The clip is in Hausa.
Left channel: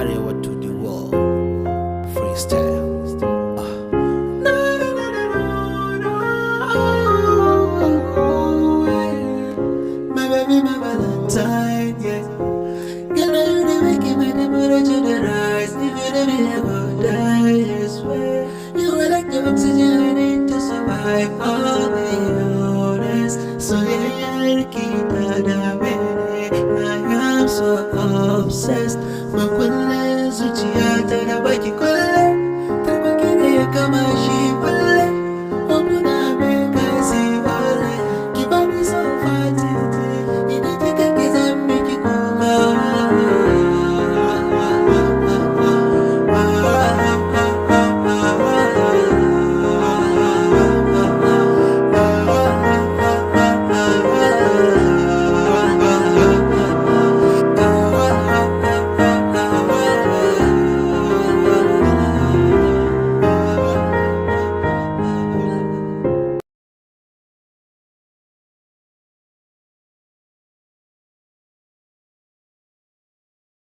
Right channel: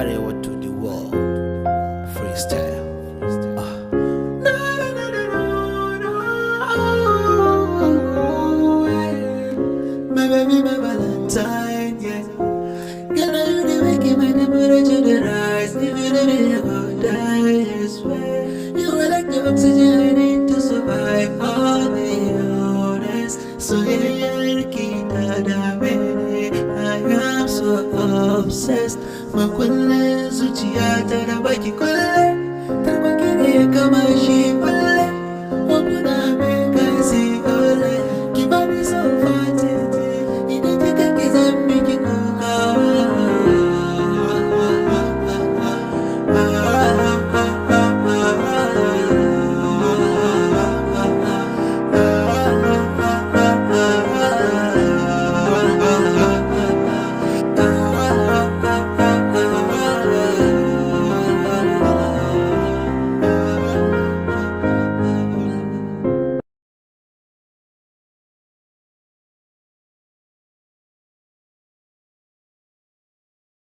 Arewa to the world. Freestyle. My baby, my Valentine, yeah. Girl, you the making my temperature to rise. If you don't be about die, I swear. You are like the oxygen I need to survive. I'll be honest. So yeah, Ckay Yadda, I am so obsessed. My queen is Ckay Yadda,